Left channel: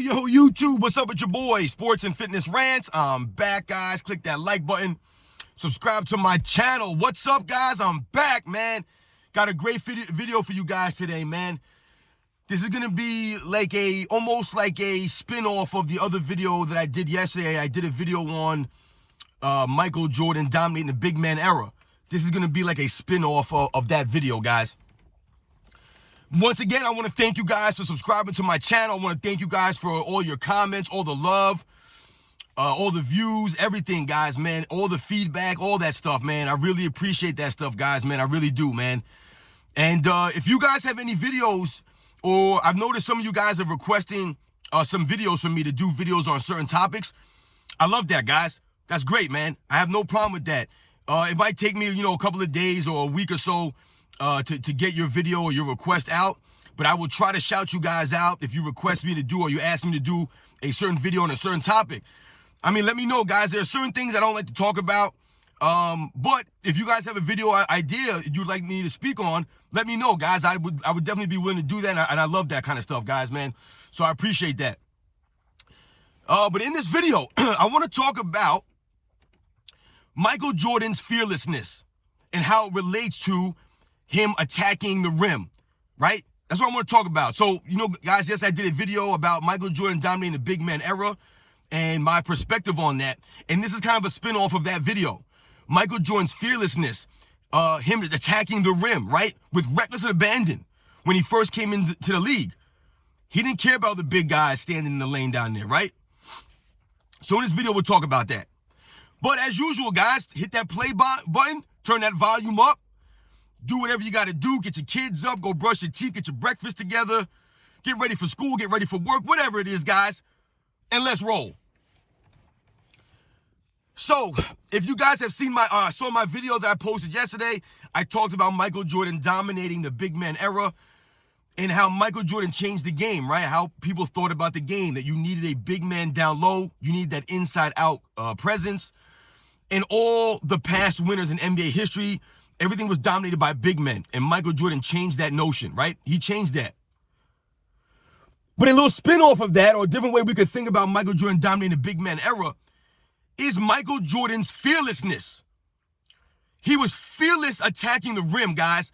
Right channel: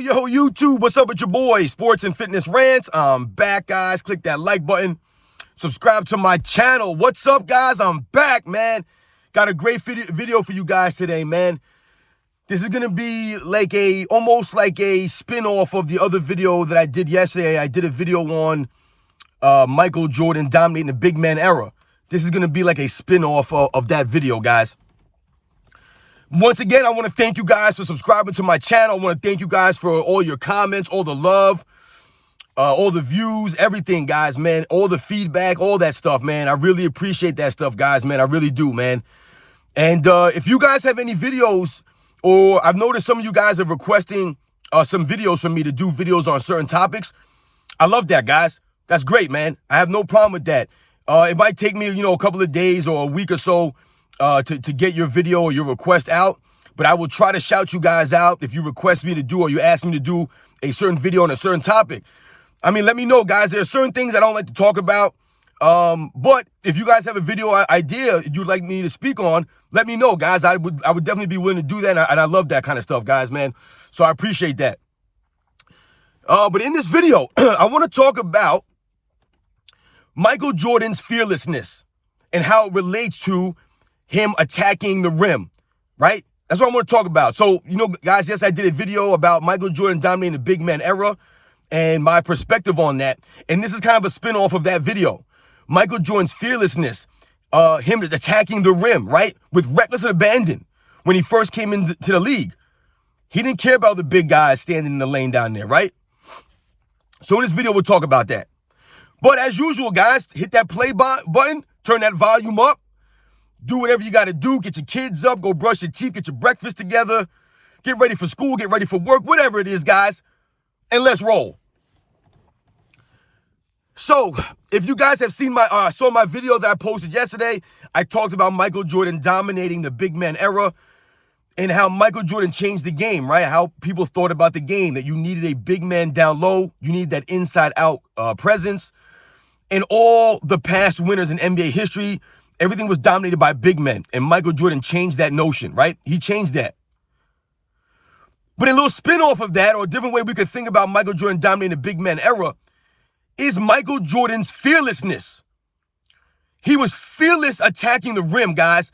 Yo, YouTube, what's up with your boy? Sports and Fitness Rants. I'm back, guys. Click that like button. Subscribe to my channel. What's up, guys? I'm back, man. Got a great video for you guys today, man. This is going to be like almost like a spin-off of the other video that I did yesterday. I did a video on Michael Jordan dominating the big man era. This is going to be like a spin-off of that video, guys. Once again, I want to thank you guys for subscribing to my channel. I want to thank you guys for all your comments, all the love, all the views, everything, guys, man. All the feedback, all that stuff, man. I really appreciate that stuff, guys, man. I really do, man. And if you guys have any videos, or I've noticed some of you guys are requesting some videos from me to do videos on certain topics, I love that, guys. That's great, man. I have no problem with that. It might take me, a couple of days or a week or so to get your video or your request out, but I will try to shout you guys out if you request me to do or you ask me to do a certain video on a certain topic. I mean, let me know, guys. There are certain things I don't like to talk about, but if you guys have a video idea you'd like me to speak on, let me know, guys. I would definitely be willing to do that, and I love that kind of stuff, guys, man. So I appreciate that. But in this video, I want to talk about Michael Jordan's fearlessness and how it relates to him attacking the rim, right? That's what I want to talk about. So, guys, yes, I did a video about Michael Jordan dominating the big man era and my perspective on that. And this is kind of a spin-off of that video. Michael Jordan's fearlessness, him attacking the rim, right? With reckless abandon when he first came into the league. He didn't care about the big guys standing in the lane down there, right? So in this video, we'll talk about that. But as usual, guys, hit that play button, turn that volume up. Do whatever you got to do. Get your kids up. Go brush your teeth. Get your breakfast together. Get ready for school. Get ready for work. Whatever it is, guys. And let's roll. So, if you guys have seen saw my video that I posted yesterday, I talked about Michael Jordan dominating the big man era and how Michael Jordan changed the game, right? How people thought about the game, that you needed a big man down low. You needed that inside-out presence. And all the past winners in NBA history, everything was dominated by big men, and Michael Jordan changed that notion, right? He changed that. But a little spin-off of that, or a different way we could think about Michael Jordan dominating the big man era, is Michael Jordan's fearlessness. He was fearless attacking the rim, guys.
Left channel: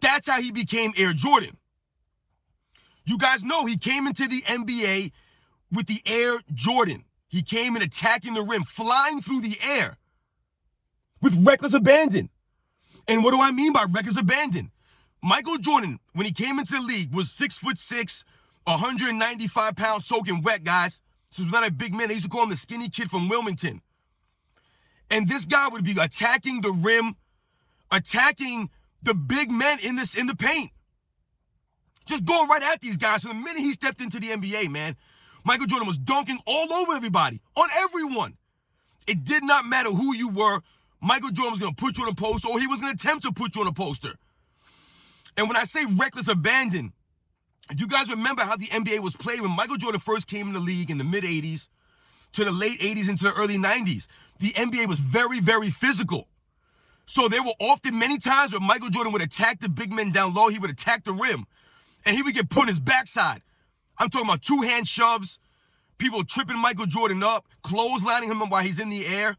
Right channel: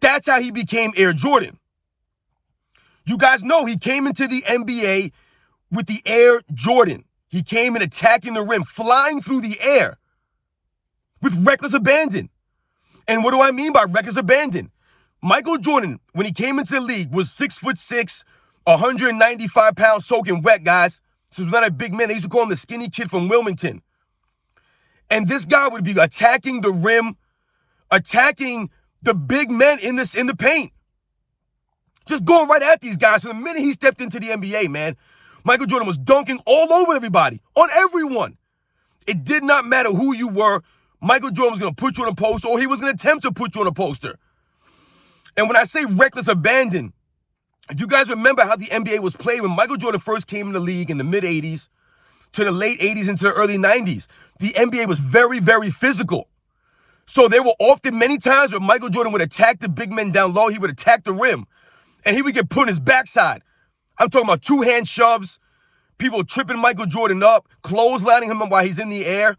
That's how he became Air Jordan. You guys know he came into the NBA with the Air Jordan. He came in attacking the rim, flying through the air with reckless abandon. And what do I mean by reckless abandon? Michael Jordan, when he came into the league, was 6'6", 195 pounds soaking wet, guys. This was not a big man. They used to call him the skinny kid from Wilmington. And this guy would be attacking the rim, attacking the big men in the paint. Just going right at these guys. So the minute he stepped into the NBA, man, Michael Jordan was dunking all over everybody, on everyone. It did not matter who you were. Michael Jordan was going to put you on a poster, or he was going to attempt to put you on a poster. And when I say reckless abandon, you guys remember how the NBA was played when Michael Jordan first came in the league in the mid-'80s to the late 80s into the early 90s. The NBA was very, very physical. So there were often many times where Michael Jordan would attack the big men down low. He would attack the rim, and he would get put on his backside. I'm talking about two-hand shoves, people tripping Michael Jordan up, clotheslining him while he's in the air,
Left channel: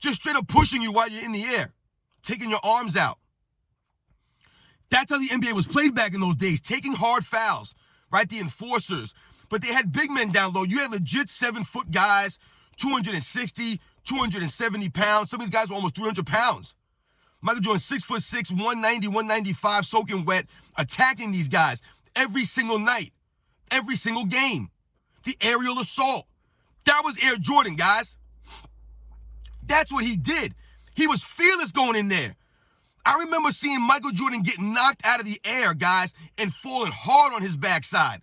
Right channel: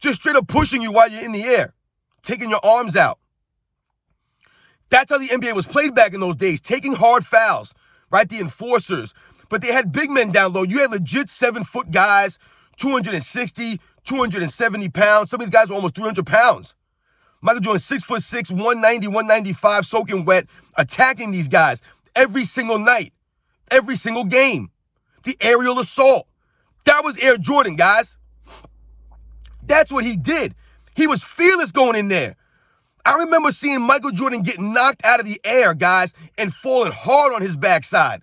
just straight up pushing you while you're in the air, taking your arms out. That's how the NBA was played back in those days, taking hard fouls, right? The enforcers. But they had big men down low. You had legit 7-foot guys, 260, 270 pounds. Some of these guys were almost 300 pounds. Michael Jordan, 6'6", 190, 195, soaking wet, attacking these guys every single night, every single game. The aerial assault. That was Air Jordan, guys. That's what he did. He was fearless going in there. I remember seeing Michael Jordan get knocked out of the air, guys, and falling hard on his backside.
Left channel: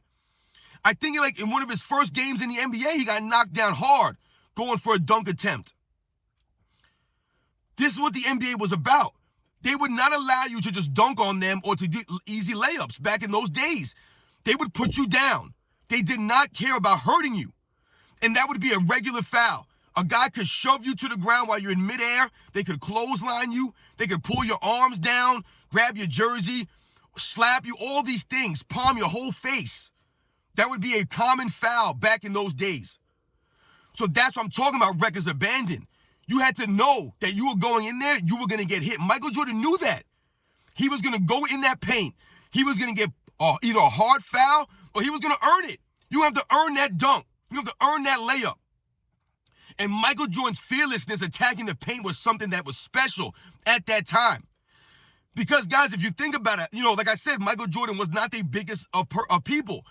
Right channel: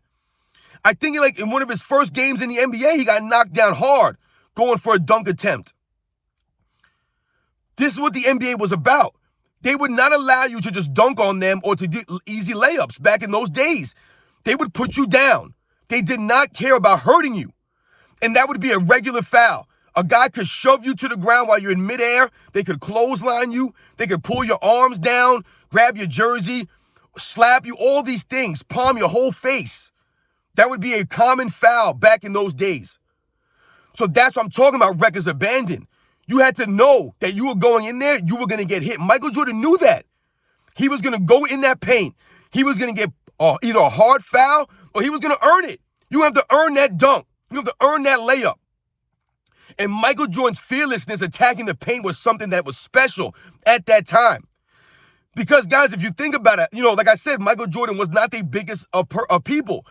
I think in one of his first games in the NBA, he got knocked down hard going for a dunk attempt. This is what the NBA was about. They would not allow you to just dunk on them or to do easy layups back in those days. They would put you down. They did not care about hurting you. And that would be a regular foul. A guy could shove you to the ground while you're in midair. They could clothesline you. They could pull your arms down, grab your jersey, slap you, all these things, palm your whole face. That would be a common foul back in those days. So that's what I'm talking about, records abandoned. You had to know that you were going in there, you were going to get hit. Michael Jordan knew that. He was going to go in that paint. He was going to get either a hard foul or he was going to earn it. You have to earn that dunk. You have to earn that layup. And Michael Jordan's fearlessness attacking the paint was something that was special at that time. Because, guys, if you think about it, like I said, Michael Jordan was not the biggest of people.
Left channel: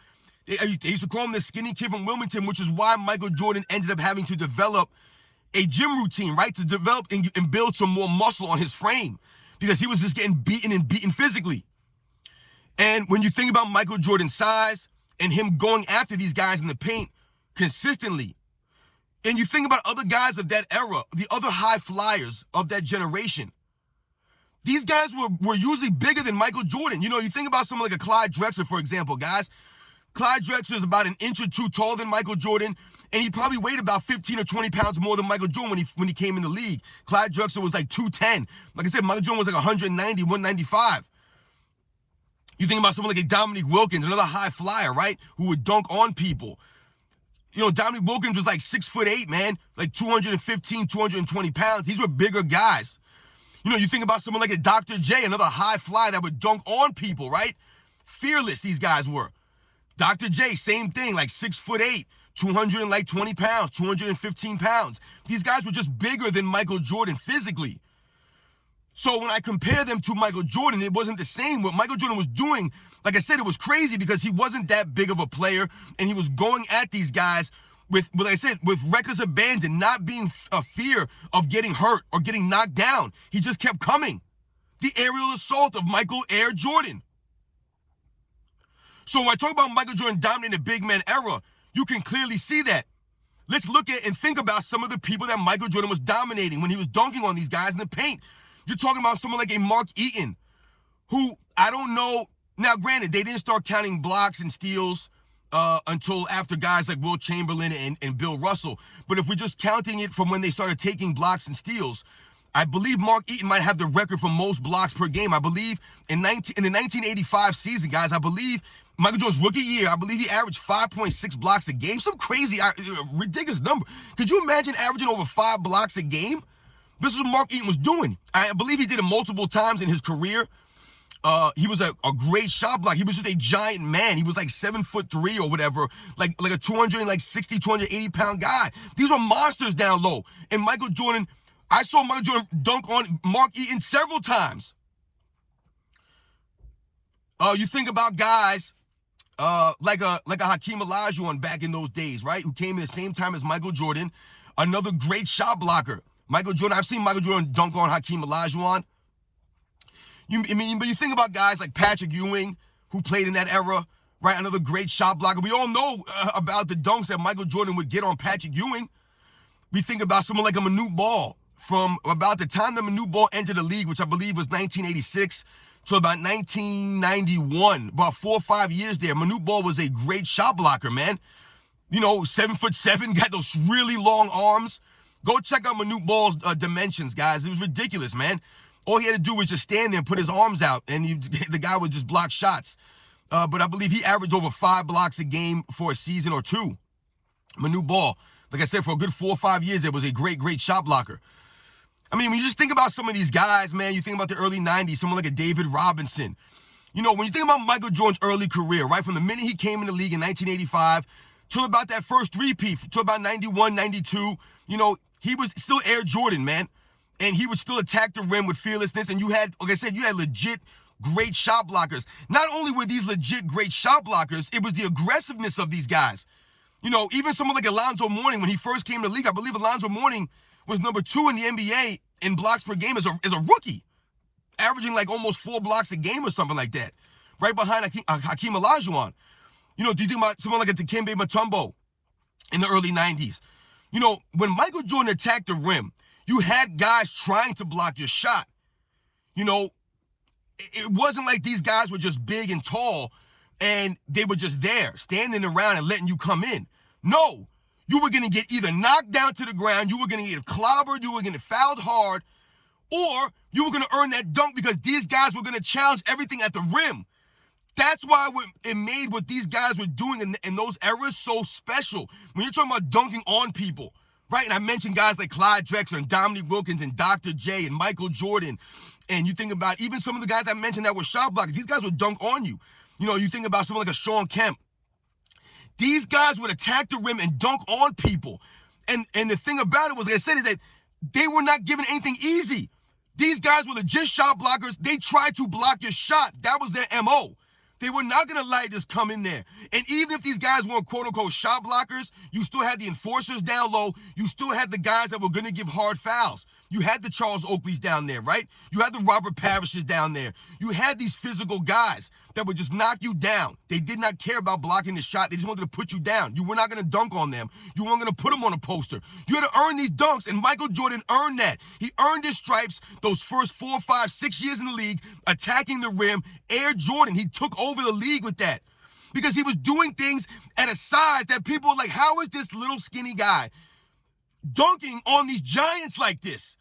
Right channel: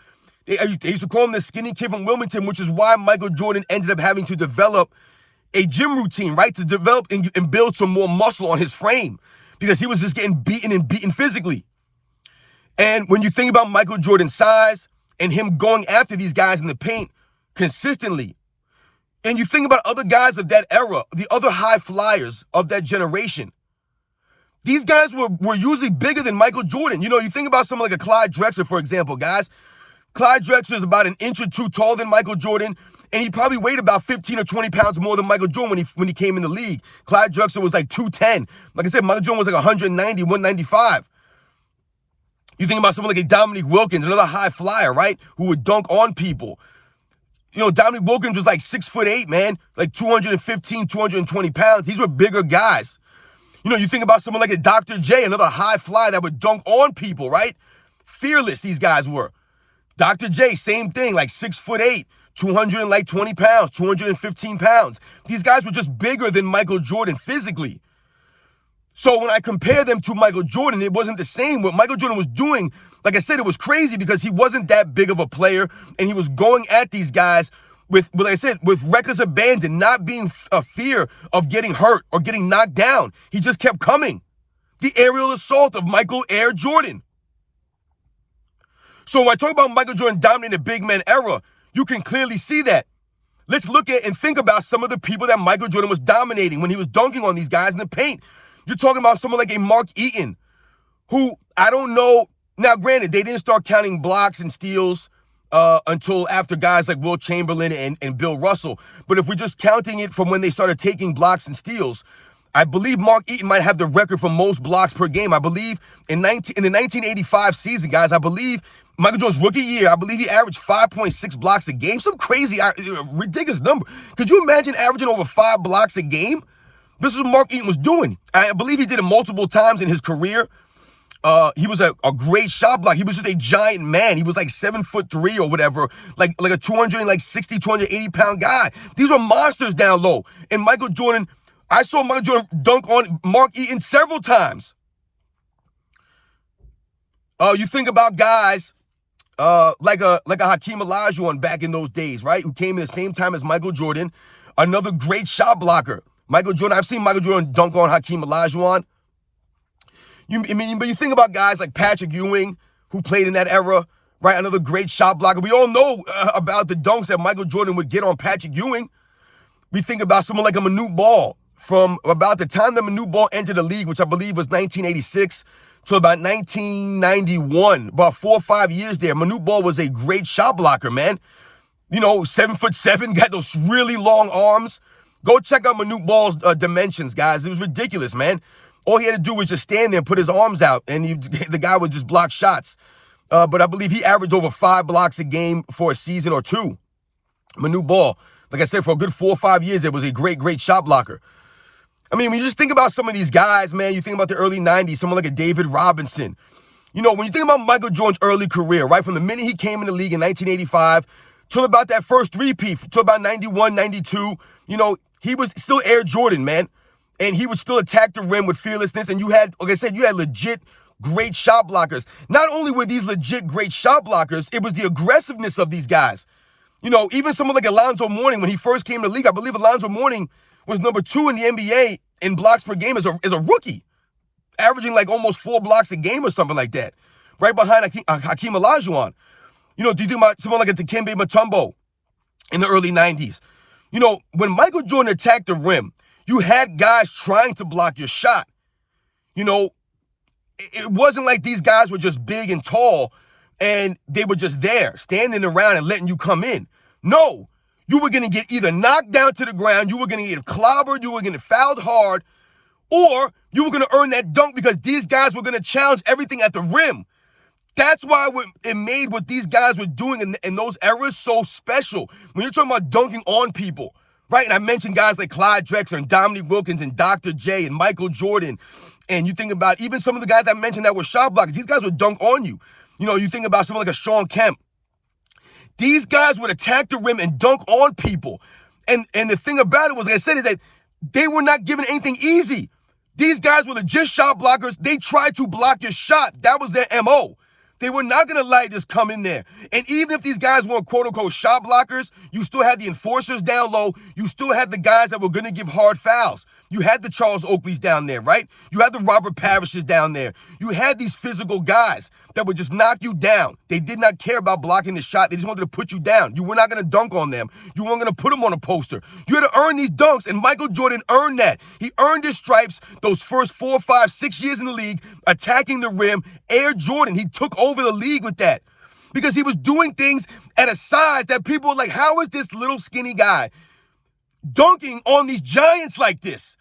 They used to call him the skinny kid from Wilmington, which is why Michael Jordan ended up having to develop a gym routine, right? To develop and build some more muscle on his frame because he was just getting beaten physically. And when you think about Michael Jordan's size and him going after these guys in the paint consistently, and you think about other guys of that era, the other high flyers of that generation, these guys were usually bigger than Michael Jordan. You think about someone like a Clyde Drexler, for example, guys. Clyde Drexler is about an inch or two taller than Michael Jordan, and he probably weighed about 15 or 20 pounds more than Michael Jordan when he came in the league. Clyde Drexler was like 210. Like I said, Michael Jordan was like 190, 195. You think about someone like a Dominique Wilkins, another high flyer, right, who would dunk on people. Dominique Wilkins was like 6'8", man, like 215, 220 pounds. These were bigger guys. You think about someone like a Dr. J, another high flyer that would dunk on people, right? Fearless these guys were. Dr. J, same thing, like 6'8", 220 pounds, 215 pounds. These guys were just bigger than Michael Jordan physically. So when I compare them to Michael Jordan, it wasn't the same. What Michael Jordan was doing, like I said, it was crazy because he wasn't that big of a player, and he was going at these guys with, like I said, with records abandoned, not being a fear of getting hurt or getting knocked down. He just kept coming. The aerial assault of Michael Air Jordan. So when I talk about Michael Jordan dominating the big man era, you can clearly see that. Let's look at and think about some of the people that Michael Jordan was dominating when he was dunking on these guys in the paint. You're talking about someone like a Mark Eaton, who I don't know. Now, granted, they didn't start counting blocks and steals until after guys like Wilt Chamberlain and Bill Russell. But if we're just counting it from when they started taking blocks and steals, I believe Mark Eaton might have the record for most blocks per game. I believe in the 1985 season, guys, I believe Michael Jordan's rookie year, I believe he averaged 5.6 blocks a game. Some crazy, ridiculous number. Could you imagine averaging over 5 blocks a game? This is what Mark Eaton was doing. I believe he did it multiple times in his career. He was a great shot blocker. He was just a giant man. He was like 7'3" or whatever, like a 260, 280 pound guy. These were monsters down low. And Michael Jordan, I saw Michael Jordan dunk on Mark Eaton several times. You think about guys like a Hakeem Olajuwon back in those days, right? Who came in the same time as Michael Jordan, another great shot blocker. Michael Jordan, I've seen Michael Jordan dunk on Hakeem Olajuwon. But you think about guys like Patrick Ewing, who played in that era, right? Another great shot blocker. We all know about the dunks that Michael Jordan would get on Patrick Ewing. We think about someone like a Manute Ball from about the time that Manute Ball entered the league, which I believe was 1986 to about 1991, about 4 or 5 years there. Manute Ball was a great shot blocker, man. 7'7", got those really long arms. Go check out Manute Ball's dimensions, guys. It was ridiculous, man. All he had to do was just stand there and put his arms out, and the guy would just block shots. But I believe he averaged over 5 blocks a game for a season or two. Manute Ball, like I said, for a good 4 or 5 years, it was a great, great shot blocker. I mean, when you just think about some of these guys, man, you think about the early 90s, someone like a David Robinson. When you think about Michael Jordan's early career, right, from the minute he came in the league in 1985 till about that first three-peat, till about 91, 92, he was still Air Jordan, man. And he would still attack the rim with fearlessness. And you had, like I said, you had legit great shot blockers. Not only were these legit great shot blockers, it was the aggressiveness of these guys. Even someone like Alonzo Mourning, when he first came to the league, I believe Alonzo Mourning was number 2 in the NBA in blocks per game as a rookie, averaging like almost 4 blocks a game or something like that, right behind Hakeem Olajuwon. Do you think about someone like a Dikembe Mutombo in the early 90s? When Michael Jordan attacked the rim, you had guys trying to block your shot. It wasn't like these guys were just big and tall and they were just there, standing around and letting you come in. No, you were going to get either knocked down to the ground, you were going to get clobbered, you were going to get fouled hard, or you were going to earn that dunk because these guys were going to challenge everything at the rim. That's why it made what these guys were doing in those eras so special. When you're talking about dunking on people, right? And I mentioned guys like Clyde Drexler and Dominique Wilkins and Dr. J and Michael Jordan. And you think about even some of the guys I mentioned that were shot blockers. These guys would dunk on you. You know, you think about someone like a Shawn Kemp. These guys would attack the rim and dunk on people. And the thing about it was, like I said, is that they were not given anything easy. These guys were legit shot blockers. They tried to block your shot. That was their MO. They were not going to let just come in there. And even if these guys weren't quote-unquote shot blockers, you still had the enforcers down low. You still had the guys that were going to give hard fouls. You had the Charles Oakleys down there, right? You had the Robert Parishes down there. You had these physical guys that would just knock you down. They did not care about blocking the shot. They just wanted to put you down. You were not going to dunk on them. You weren't going to put them on a poster. You had to earn these dunks, and Michael Jordan earned that. He earned his stripes those first 4, 5, 6 years in the league, attacking the rim. Air Jordan, he took over the league with that because he was doing things at a size that people were like, how is this little skinny guy dunking on these giants like this?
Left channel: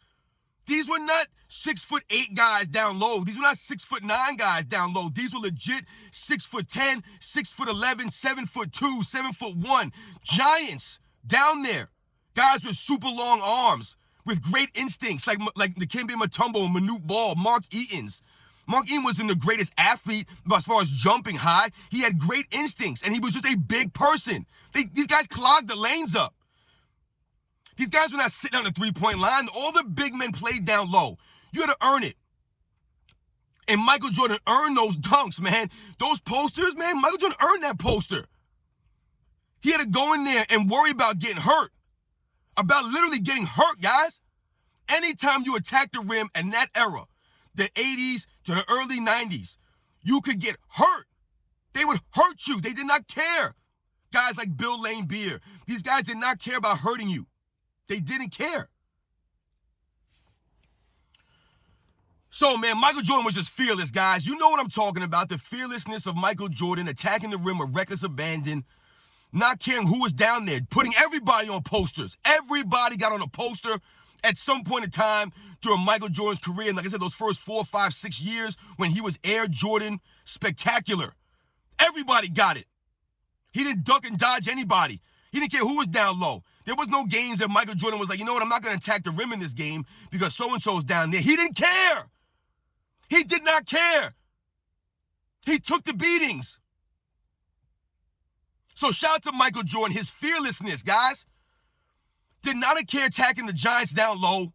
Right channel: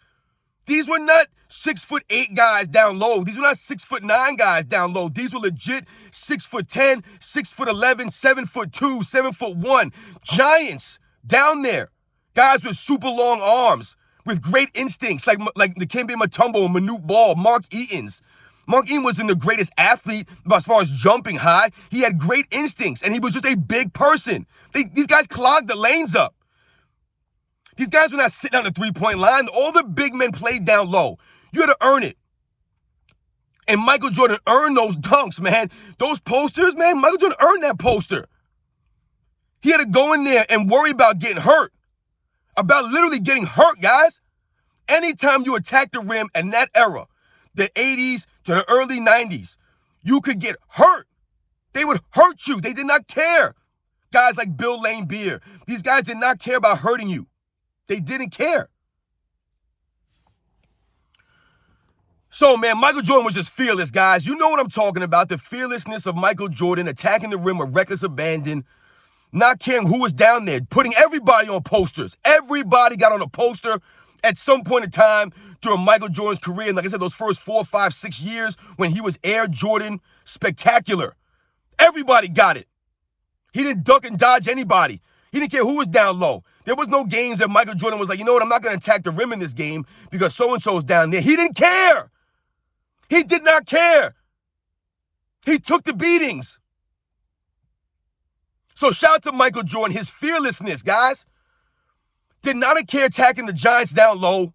These were not 6'8" guys down low. These were not 6'9" guys down low. These were legit 6'10", 6'11", 7'2", 7'1" giants down there. Guys with super long arms, with great instincts, like Dikembe Mutombo and Manute Ball, Mark Eaton's. Mark Eaton wasn't the greatest athlete as far as jumping high. He had great instincts, and he was just a big person. These guys clogged the lanes up. These guys were not sitting on the three-point line. All the big men played down low. You had to earn it. And Michael Jordan earned those dunks, man. Those posters, man, Michael Jordan earned that poster. He had to go in there and worry about getting hurt. About literally getting hurt, guys. Anytime you attack the rim in that era, the 80s to the early 90s, you could get hurt. They would hurt you. They did not care. Guys like Bill Laimbeer, these guys did not care about hurting you. They didn't care. So, man, Michael Jordan was just fearless, guys. You know what I'm talking about. The fearlessness of Michael Jordan, attacking the rim with reckless abandon, not caring who was down there, putting everybody on posters. Everybody got on a poster at some point in time during Michael Jordan's career. And like I said, those first 4, 5, 6 years when he was Air Jordan spectacular. Everybody got it. He didn't duck and dodge anybody. He didn't care who was down low. There was no games that Michael Jordan was like, you know what, I'm not going to attack the rim in this game because so-and-so's down there. He didn't care. He did not care. He took the beatings. So shout out to Michael Jordan, his fearlessness, guys. Did not care attacking the Giants down low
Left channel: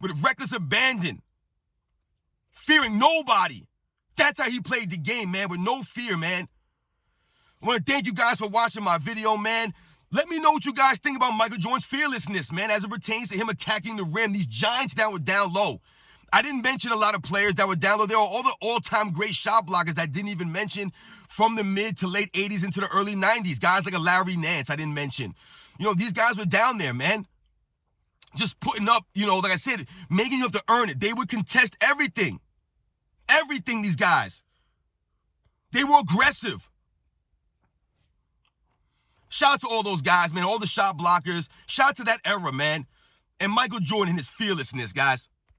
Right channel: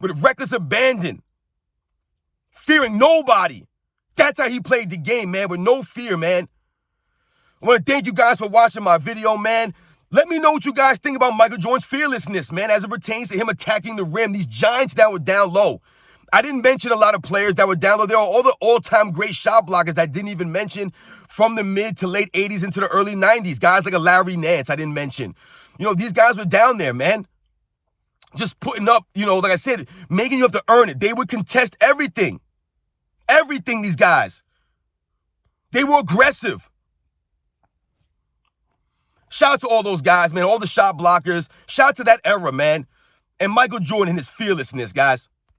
with reckless abandon. Fearing nobody. That's how he played the game, man, with no fear, man. I want to thank you guys for watching my video, man. Let me know what you guys think about Michael Jordan's fearlessness, man, as it pertains to him attacking the rim. These Giants that were down low. I didn't mention a lot of players that were down low. There are all the all-time great shot blockers that I didn't even mention from the mid to late 80s into the early 90s. Guys like a Larry Nance I didn't mention. You know, these guys were down there, man. Just putting up, you know, like I said, making you have to earn it. They would contest everything. Everything, these guys. They were aggressive. Shout out to all those guys, man, all the shot blockers. Shout out to that era, man. And Michael Jordan and his fearlessness, guys.